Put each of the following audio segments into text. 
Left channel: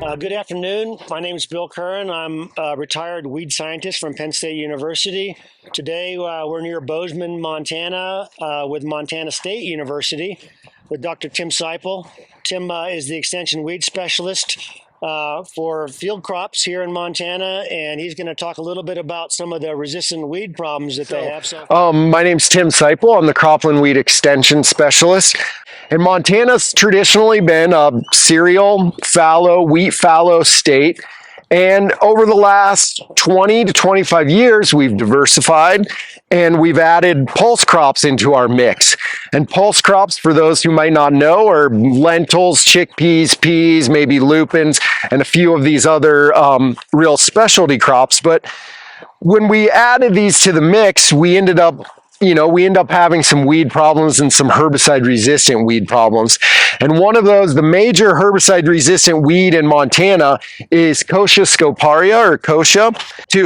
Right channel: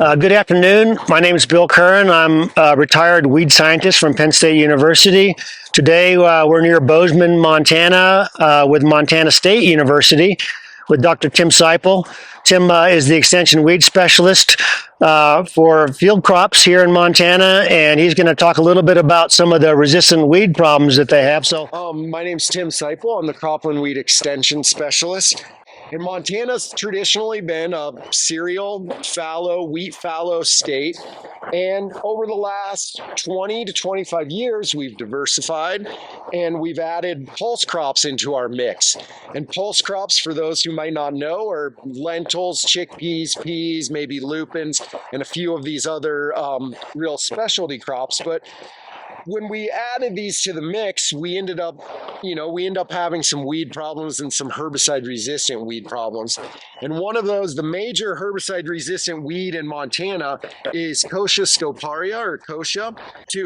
Good afternoon. My name is Bill Curran. I'm a retired weed scientist from Penn State University. Today we're near Bozeman, Montana with Montana State University with Dr. Tim Seipel. Tim is the extension weed specialist for field crops here in Montana, and he's going to talk a little bit about some of the resistant weed problems that they have. My name's Tim Seipel. I'm the cropland weed extension specialist. And Montana's traditionally been a cereal, fallow, wheat fallow state. And over the last 20 to 25 years, we've diversified and we've added pulse crops into our mix. And pulse crops, for those who might not know, are lentils, chickpeas, peas, maybe lupins, and a few of these other real specialty crops. But when we added these to the mix, we end up having some weed problems and some herbicide resistant weed problems. And one of those, the major herbicide resistant weed in Montana is Kochia scoparia, or Kochia.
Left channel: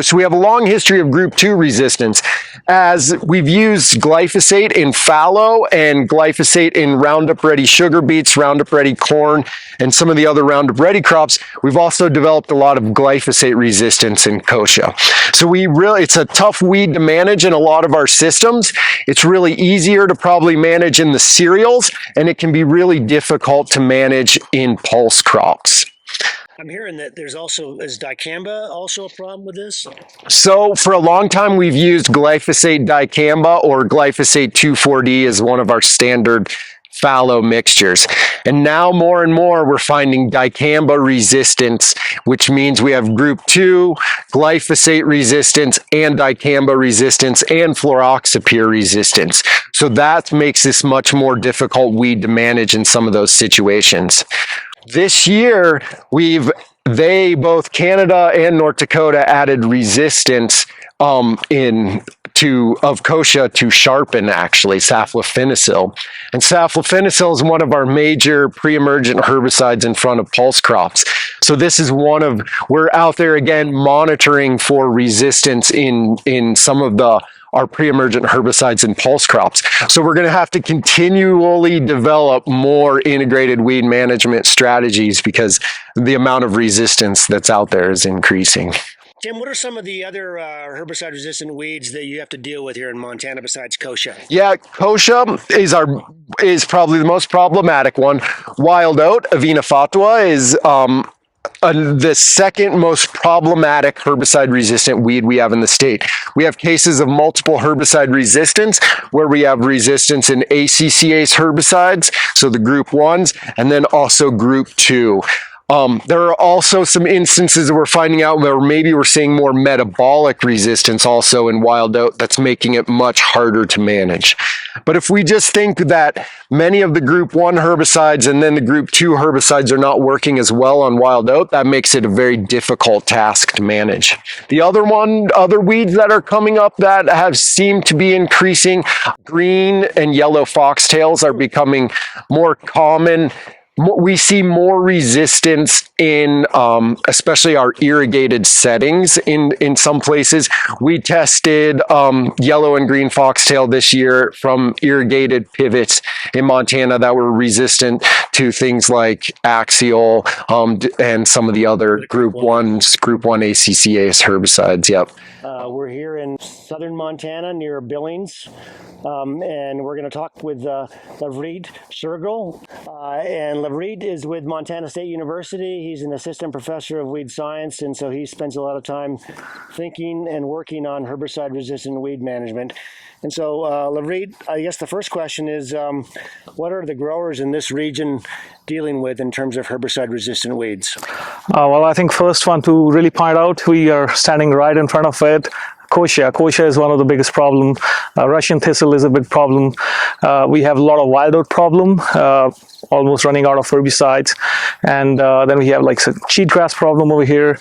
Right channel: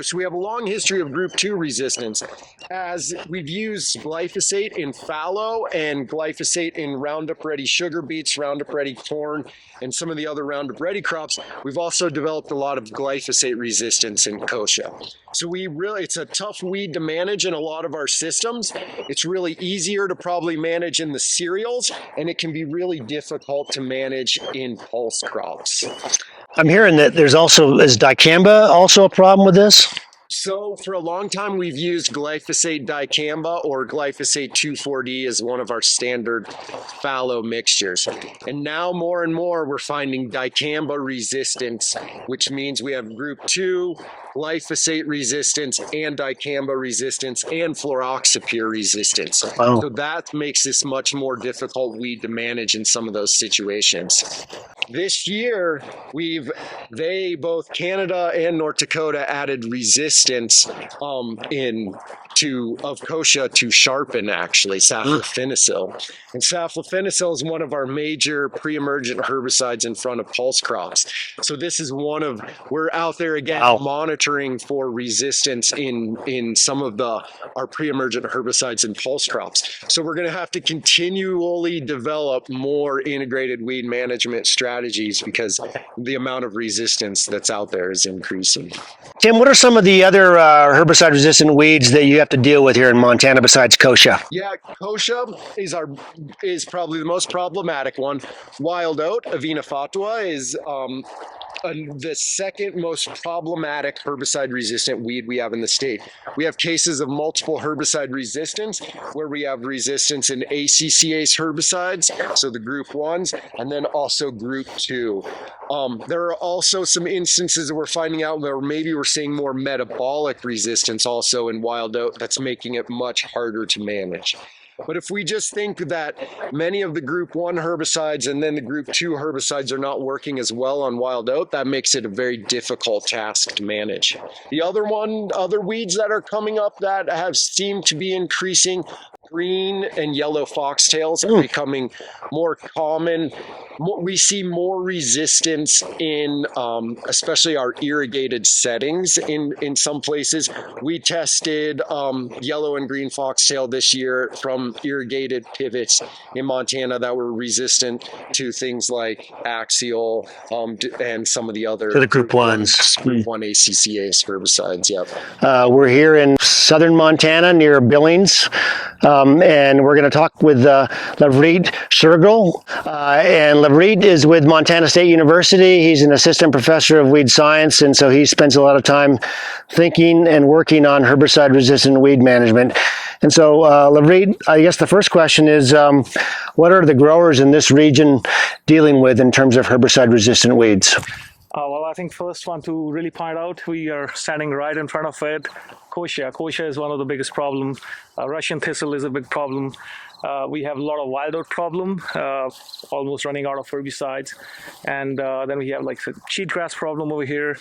So we have a long history of group 2 resistance, as we've used glyphosate in fallow and glyphosate in Roundup Ready sugar beets, Roundup Ready corn, and some of the other Roundup Ready crops. We've also developed a lot of glyphosate resistance in Kochia. So it's a tough weed to manage in a lot of our systems. It's really easier to probably manage in the cereals, and it can be really difficult to manage in pulse crops. I'm hearing that is dicamba also a problem with this? So for a long time, we've used glyphosate dicamba, or glyphosate 2,4-D as one of our standard fallow mixtures. And now more and more we're finding dicamba resistance, which means we have group 2 glyphosate resistance and dicamba resistance and fluroxapyr resistance. Wow. So that makes this much more difficult weed to manage in some of those situations. This year, both Canada and North Dakota added resistance of Kochia to sharpen, actually, saflofinacil. And saflofinacil is one of our major pre-emergent herbicides in front of pulse crops. So this is we're out there again monitoring for resistance in some of our pre-emergent herbicides in pulse crops. So we're going to have to continually develop more integrated weed management strategies because the amount of resistance that's out there is increasing. Tim, what are some of the other herbicide-resistant weeds that you have to deal with here in Montana besides Kochia? Yeah, Kochia is probably the most problematic one. Wild oat, Avena fatua, is the second most problematic herbicide-resistant weed we have in the state. We have cases of multiple herbicide resistance, where we have resistance in ACCase herbicides, so the group 1s, and then also group 2. There are also some instances that we're finding out where maybe we're seeing more metabolic resistance also in wild oat that's making it much harder to manage. But if we just think that many of the group 1 herbicides and then the group 2 herbicides are not working as well on wild oat, that makes it a very difficult task to manage. The other weeds that are coming up that have seemed to be increasing, green and yellow foxtails are becoming more common. We see more resistance in especially our irrigated settings in some places. We tested yellow and green foxtail this year from irrigated pivots in Montana that were resistant to things like axial and some of the other group 1 ACCase herbicides. Yep. We're here in southern Montana near Billings, and we're going to talk with Lovreet Shergill. And Lovreet is with Montana State University. He's an assistant professor of weed science, and so he spends a lot of time thinking and working on herbicide-resistant weed management. And so, Lovreet, I guess the first question is, what are the growers in this region dealing with in terms of herbicide-resistant weeds? Well, I think first one to really point out, we are standing right in front of it. Kochia. Kochia is one of the biggest problems. Russian thistle is a big problem. We have a lot of wild oat problem, almost running out of herbicides. And then we have like a cheatgrass problem over here.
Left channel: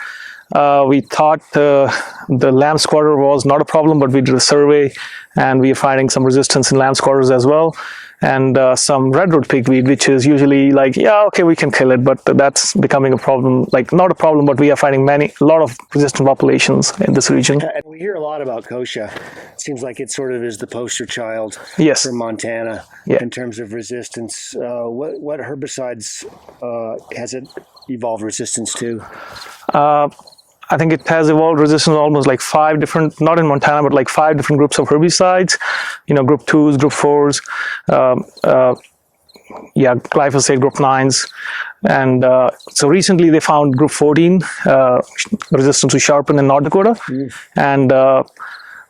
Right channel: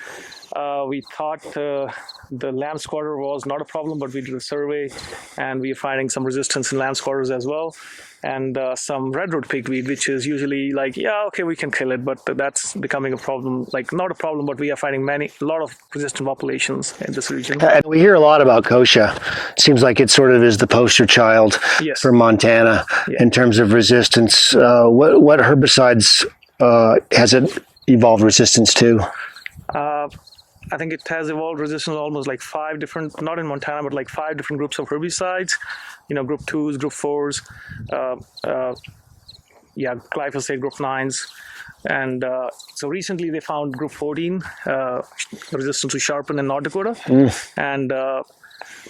We thought the lambsquarter was not a problem, but we did a survey and we are finding some resistance in lambsquarters as well. And some redroot pigweed, which is usually like, yeah, okay, we can kill it, but that's becoming a problem. Like, not a problem, but we are finding a lot of resistant populations in this region. And we hear a lot about Kochia. Seems like it sort of is the poster child for Montana in terms of resistance. What herbicides has it evolved resistance to? I think it has evolved resistance almost like 5 different, not in Montana, but like 5 different groups of herbicides, group 2s, group 4s, glyphosate group 9s. And so recently they found group 14 resistance to sharpen in North Dakota. And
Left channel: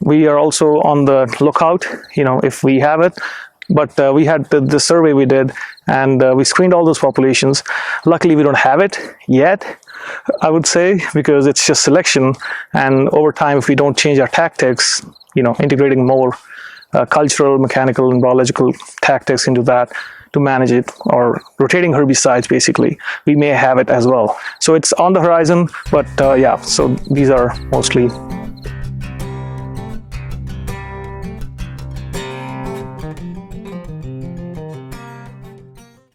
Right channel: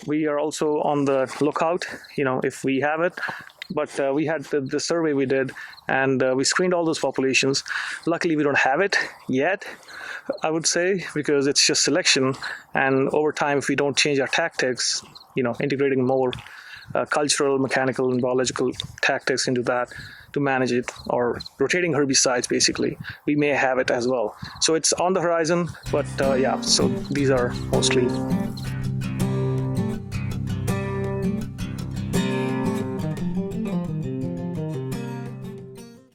we are also on the lookout, if we have it. But we had the survey we did, and we screened all those populations. Luckily, we don't have it yet, I would say, because it's just selection. And over time, if we don't change our tactics, integrating more cultural, mechanical, and biological tactics into that to manage it, or rotating herbicides, basically, we may have it as well. So it's on the horizon, but so these are mostly